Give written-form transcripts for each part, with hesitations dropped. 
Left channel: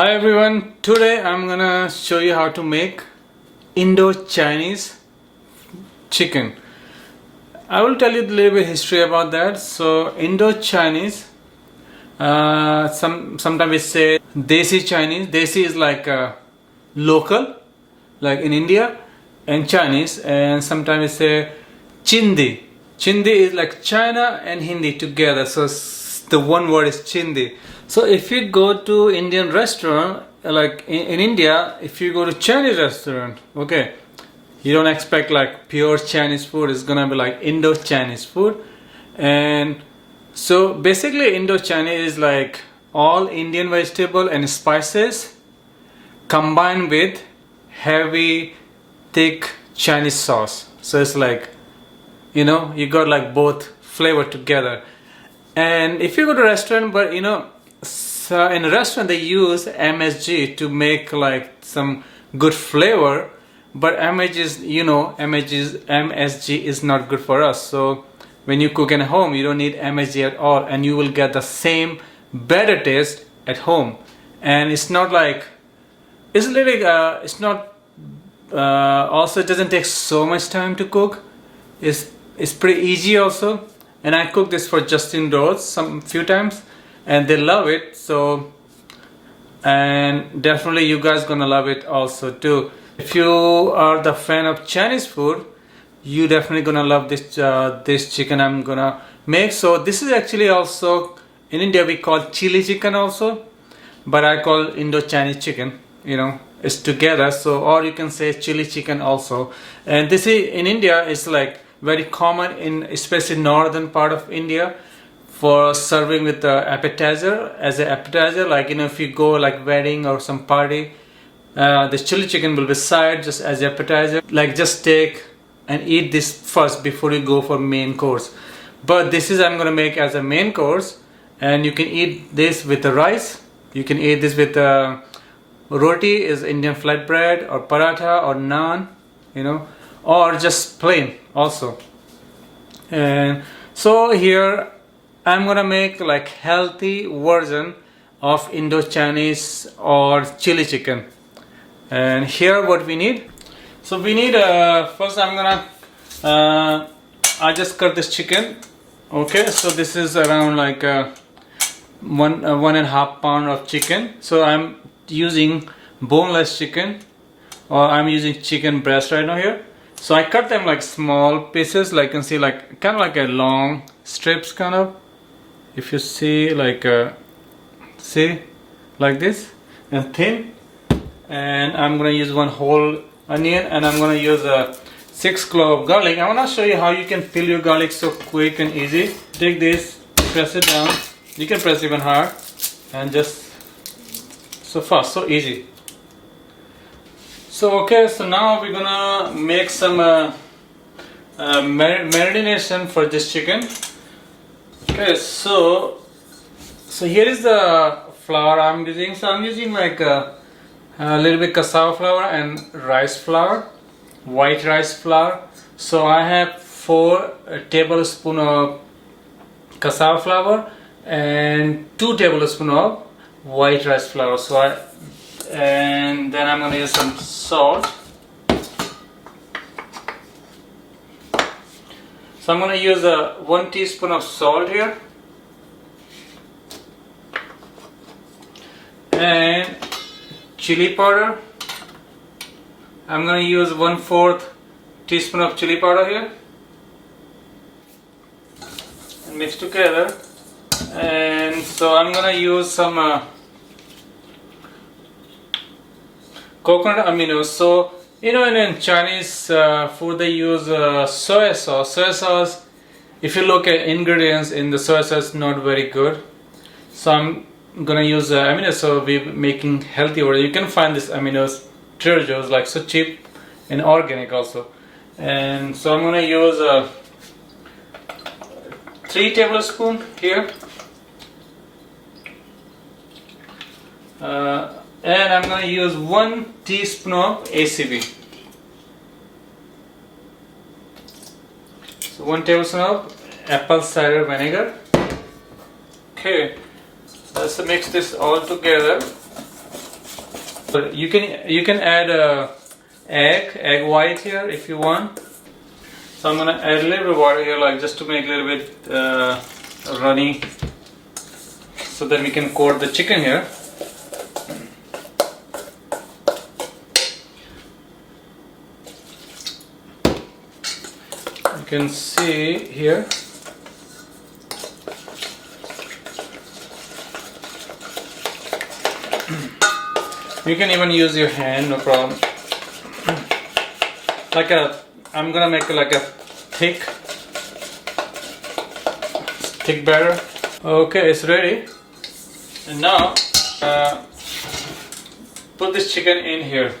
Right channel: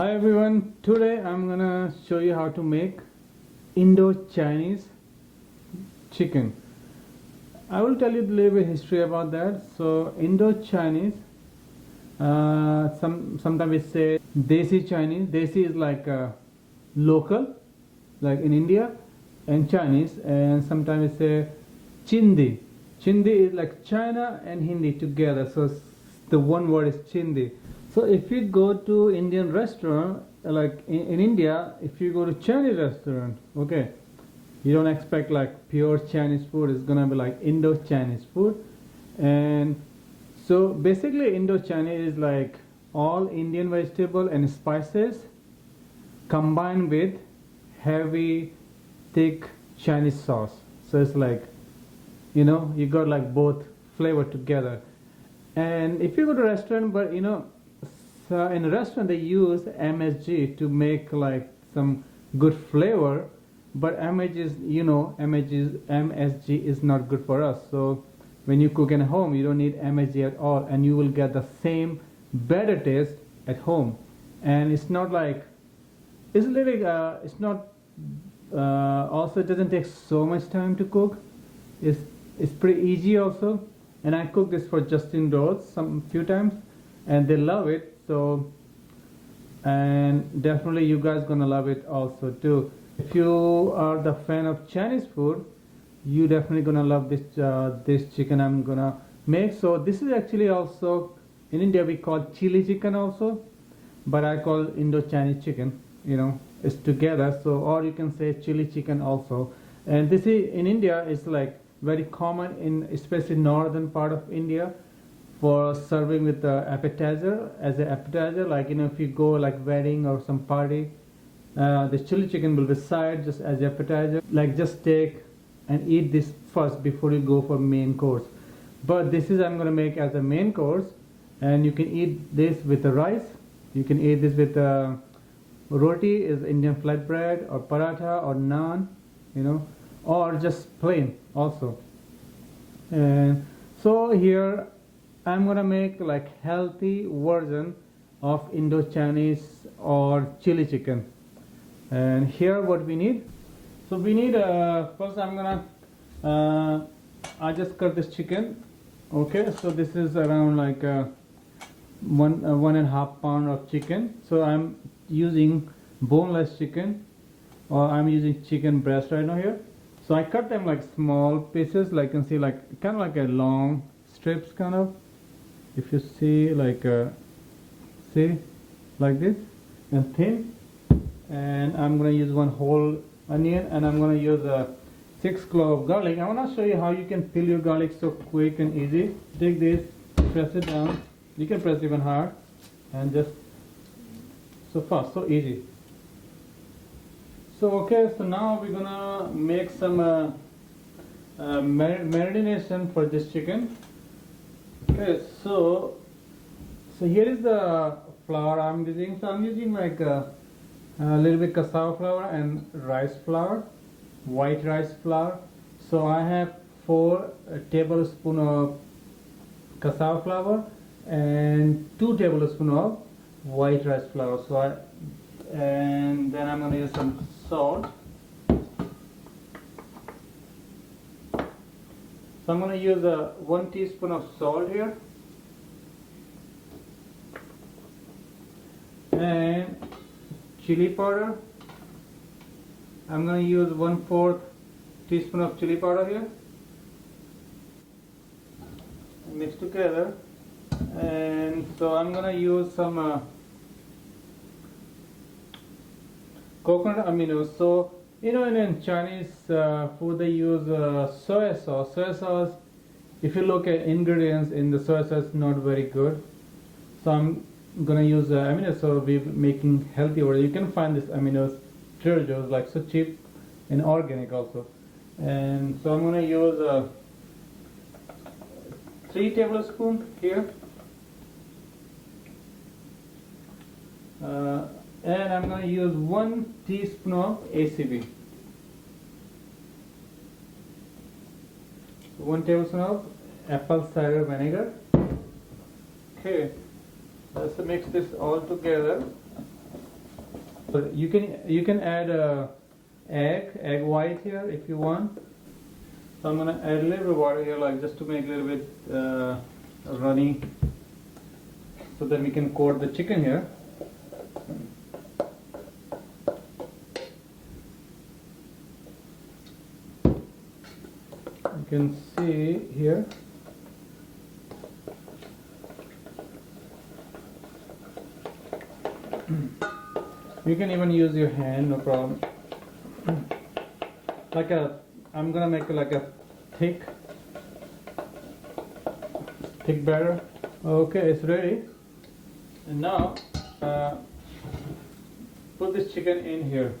Hi everyone, today I'm gonna show you how to make Indo-Chinese chicken. I will tell you a little bit history about that. So Indo-Chinese, sometimes we say Desi-Chinese. Desi is like local, like in India, and Chinese, and sometimes we say Chindi. Chindi is like China and Hindi together, so the one word is Chindi. So if you go to Indian restaurant, like in India, if you go to Chinese restaurant, okay, you don't expect like pure Chinese food. It's gonna be like Indo-Chinese food. And so basically Indo-Chinese is like all Indian vegetable and spices combined with heavy thick Chinese sauce. So it's like, you know, you got like both flavor together. And if you go to a restaurant, but you know, so in a restaurant they use MSG to make like some good flavor, but MSG is not good for us. So when you cook at home, you don't need MSG at all, and you will get the same better taste at home. And it's not like it's literally it's not also it doesn't take so much time to cook. It's pretty easy also. And I cooked this for Justin Rose few times, and they love it. So, and definitely you guys gonna love it also too. If you are the fan of Chinese food, you definitely gonna love this this chicken I'm gonna make. So this is actually also in India we call chili chicken also, but I call Indo-Chinese chicken. You know, it's together. So, or you can say chili chicken also. And this is in India. It's like very common in especially northern part of India for serving with the appetizer, as an appetizer. Like, you know, if you go like wedding or some party, the chili chicken will be side just as appetizer. Like, just take and eat this first before you go for main course. But this is I'm gonna make as a main course, and you can eat this with the rice. You can eat this with roti, is Indian flatbread, or paratha, or naan, you know, or just plain also. And so here I'm gonna make like healthy version of Indo-Chinese or chili chicken. And here what we need. So we need first I'm gonna I just cut this chicken. Okay, so this is around like 1.5 pound of chicken. So I'm using boneless chicken, or I'm using chicken breast right now here. So I cut them like small pieces, like you can see, like kind of like a long strips kind of. If you see, like see, like this, and thin. And I'm gonna use one whole onion, and I'm gonna use a 6 clove garlic. I wanna show you how you can peel your garlic so quick and easy. Take this, press it down. You can press even hard, and just so fast, so easy. So okay, so now we're gonna make some marination for this chicken. Okay, so here is the flour I'm using. So I'm using like a little bit cassava flour and rice flour, white rice flour. So I have 4 tablespoons of cassava flour and 2 tablespoons of white rice flour. So and then I'm gonna use some salt. So I'm gonna use 1 teaspoon of salt here, and chili powder. I'm gonna use 1/4 teaspoon of chili powder here, and mix together. And so I'm gonna use some coconut aminos. So you know, in Chinese food they use soy sauce. Soy sauce, if you look at ingredients in the soy sauce, not very good. So I'm gonna use aminos. So we're making healthy version. You can find this aminos Trader Joe's, like so cheap and organic also. And so I'm gonna use 3 tablespoons here. And I'm going to use 1 teaspoon of ACV. So 1 tablespoon of apple cider vinegar. Okay, let's mix this all together. You can add egg white here if you want. So I'm gonna add a little bit of water here, like just to make a little bit runny, so that we can coat the chicken here. You can see here. You can even use your hand, no problem. I'm gonna make like a thick batter. Okay, it's ready. And now put this chicken in here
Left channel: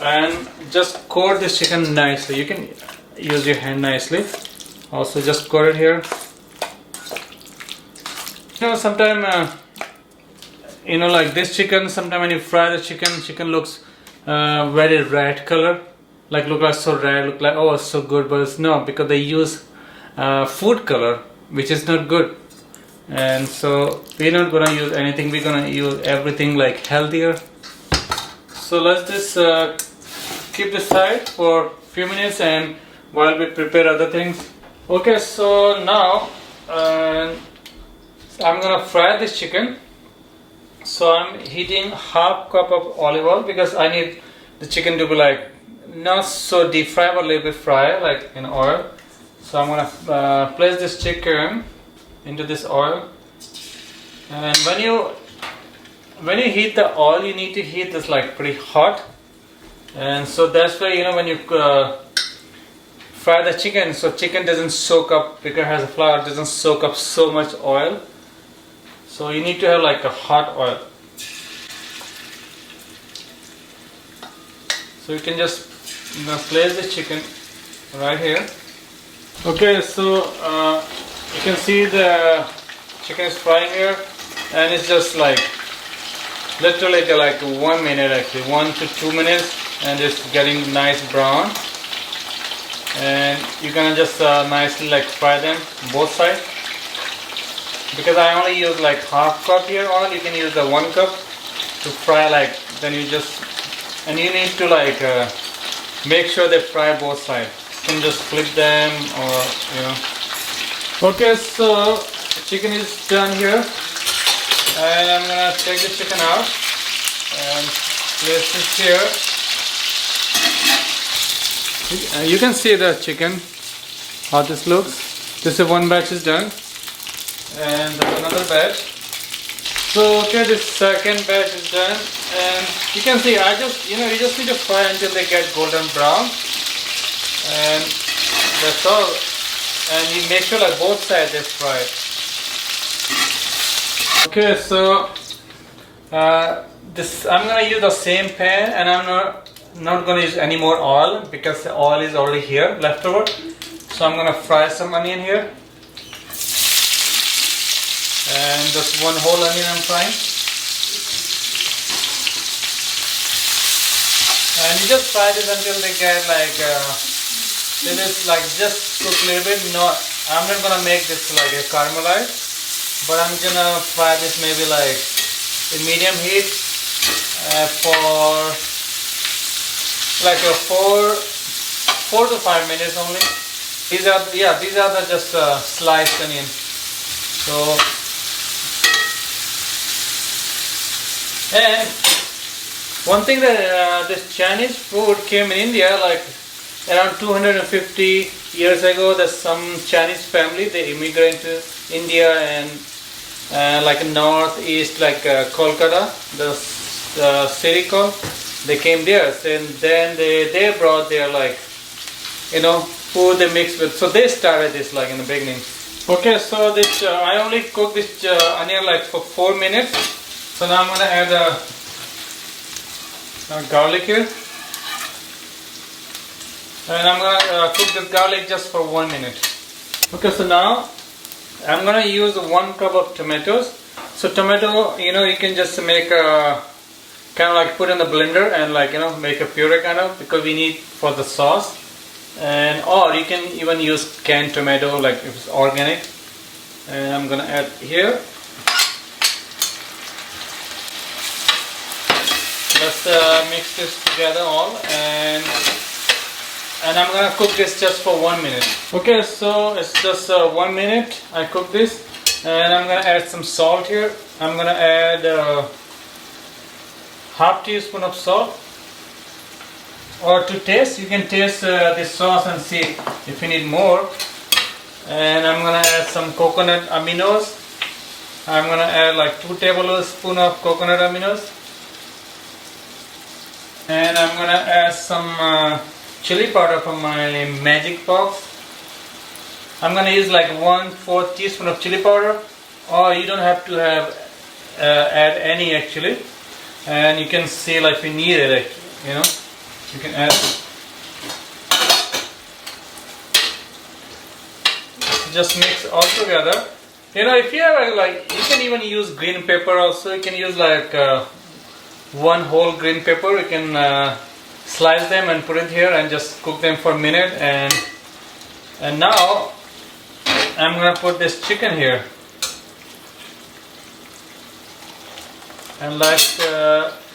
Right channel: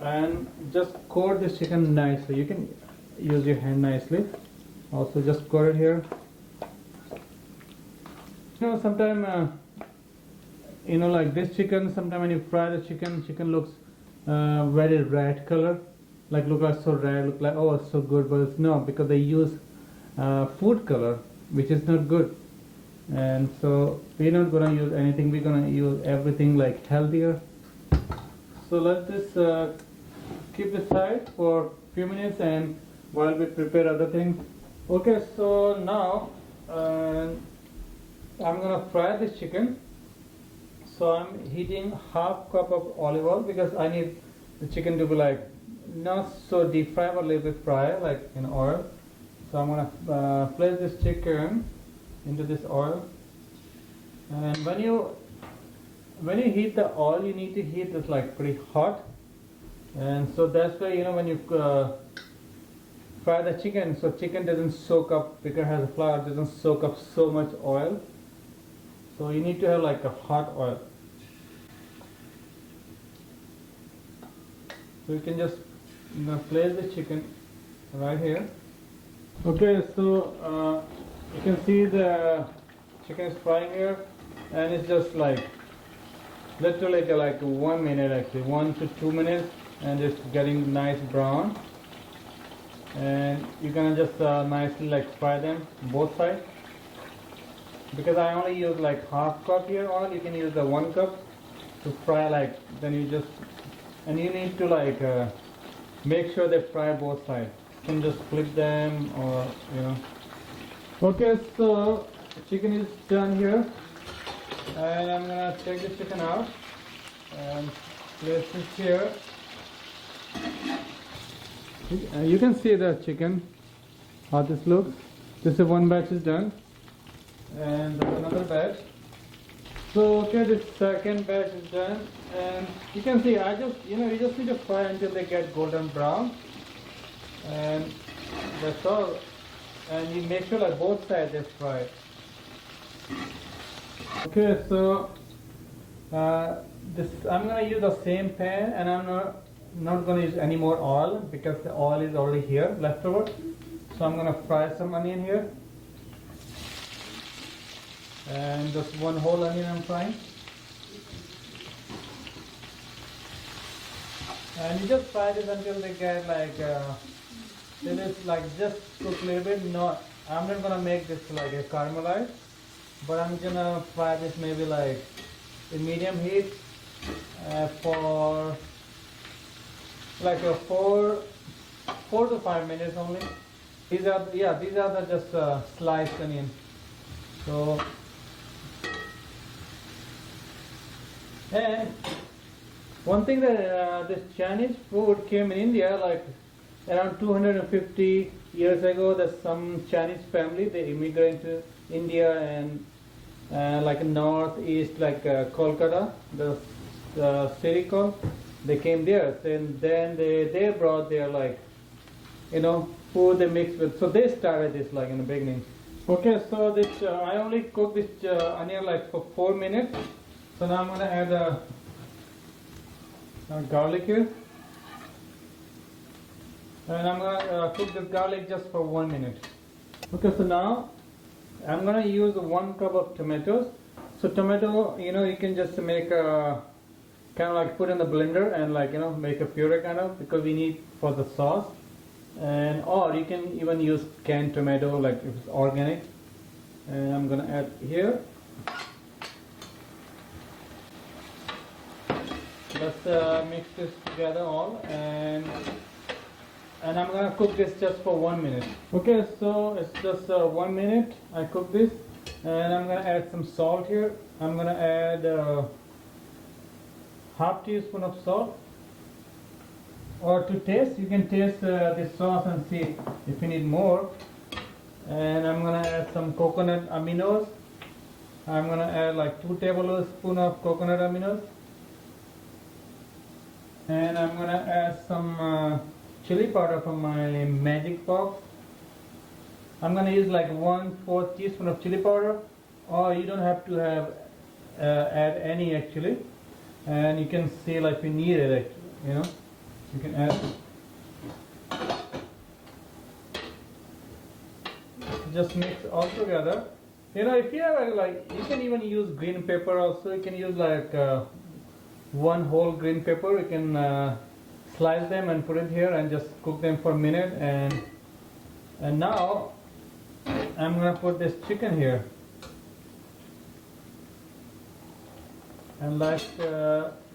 and just coat this chicken nicely. You can use your hand nicely. Also, just coat it here. You know, sometimes you know, like this chicken, sometimes when you fry the chicken looks very red color, like look like so red, look like, oh, it's so good, but it's not, because they use food color, which is not good. And so we're not gonna use anything, we're gonna use everything like healthier. So let's just keep this aside for a few minutes, and while we prepare other things. Okay, so now I'm gonna fry this chicken. So I'm heating half cup of olive oil, because I need the chicken to be like not so deep fry, but a little bit fry like in oil. So I'm gonna place this chicken into this oil, and when you heat the oil, you need to heat this like pretty hot. And so that's why, you know, when you fry the chicken, so chicken doesn't soak up, because it has a flour, doesn't soak up so much oil. So you need to have like a hot oil. So you can just place the chicken right here. Okay, so you can see the chicken is frying here, and it's just like literally like 1 minute, actually 1 to 2 minutes, and it's getting nice brown. And you're gonna just nicely like fry them both sides. Because I only use like half cup here oil, you can use the 1 cup to fry, like then you just, and you need to like make sure they fry both sides. You can just flip them, or you know. Okay, so chicken is done here, and I'm gonna take the chicken out and place it here. You can see the chicken, how this looks. This is one batch is done, and another batch. So okay, this second batch is done, and you can see you just need to fry until they get golden brown, and that's all. And you make sure like both sides is fried. Okay, so this I'm gonna use the same pan, and I'm not gonna use any more oil, because the oil is already here left over. So I'm gonna fry some onion here. And just one whole onion I'm frying. And you just fry this until they get like, it is like just cook a little bit. No, I'm not gonna make this like a caramelized, but I'm gonna fry this maybe like in medium heat for like a 4 to 5 minutes only. These are the just sliced onion. So. And one thing that this Chinese food came in India like around 250 years ago. That some Chinese family, they immigrated to India, and like northeast, like Kolkata, the city called. They came there, and then they brought their like, you know, food they mixed with. So they started this like in the beginning. Okay, so this I only cooked this onion like for 4 minutes. So now I'm going to add garlic here, and I'm going to cook this garlic just for 1 minute. Okay, so now I'm going to use 1 cup of tomatoes. So tomato, you know, you can just make a kind of like put in the blender and like, you know, make a puree kind of, because we need for the sauce. And or you can even use canned tomato, like if it's organic. And I'm going to add here. Let's mix this together all, and I'm gonna cook this just for 1 minute. Okay, so it's just 1 minute I cook this, and I'm gonna add some salt here. I'm gonna add half teaspoon of salt, or to taste, you can taste this sauce and see if you need more. And I'm gonna add some coconut aminos. I'm gonna add like 2 tablespoons of coconut aminos, and I'm gonna add some chili powder from my magic box. I'm gonna use like 1/4 teaspoon of chili powder, or you don't have to have add any actually, and you can see like if you need it, you know, you can add. Just mix all together. You know, if you have like, you can even use green pepper also. You can use like 1 whole green pepper. You can slice them and put it here and just cook them for a minute. And now I'm gonna put this chicken here, and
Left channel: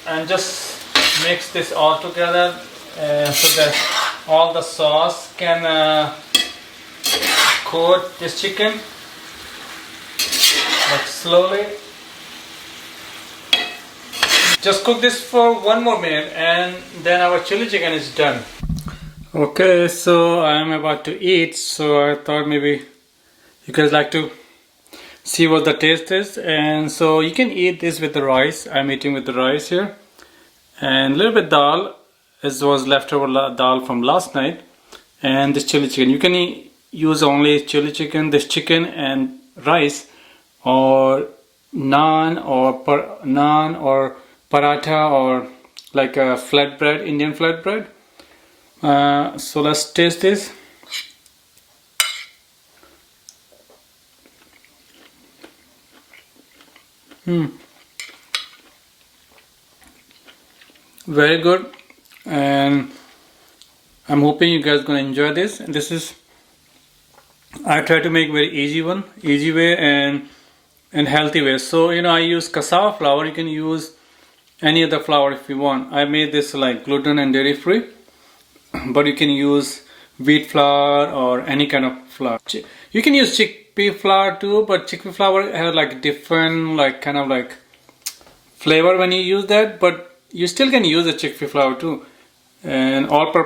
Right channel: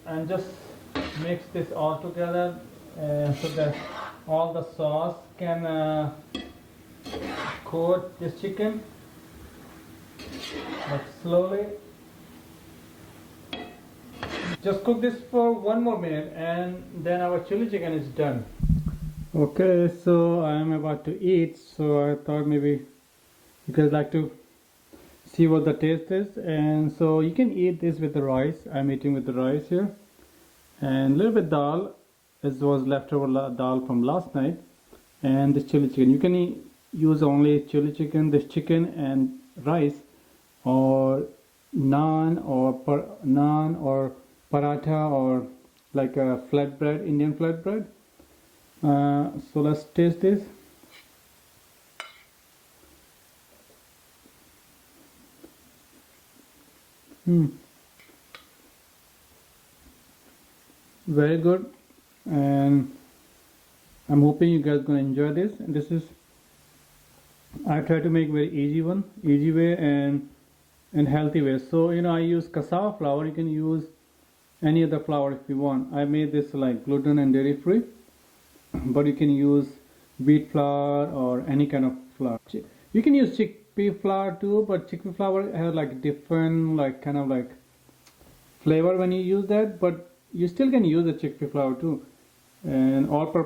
and just mix this all together so that all the sauce can coat this chicken, like slowly. Just cook this for 1 more minute, and then our chili chicken is done. Okay, so I am about to eat, so I thought maybe you guys like to see what the taste is. And so you can eat this with the rice. I'm eating with the rice here, and a little bit dal, as was leftover dal from last night, and this chili chicken. You can use only chili chicken, this chicken and rice, or naan or paratha, or like a flatbread, Indian flatbread. So let's taste this. Very good, and I'm hoping you guys gonna enjoy this. And this is, I try to make very easy way and healthy way. So you know, I use cassava flour. You can use any other flour if you want. I made this like gluten and dairy free, but you can use wheat flour or any kind of flour. You can use chickpea flour too, but chickpea flour has like different like kind of like flavor when you use that, but you still can use the chickpea flour too. And all purpose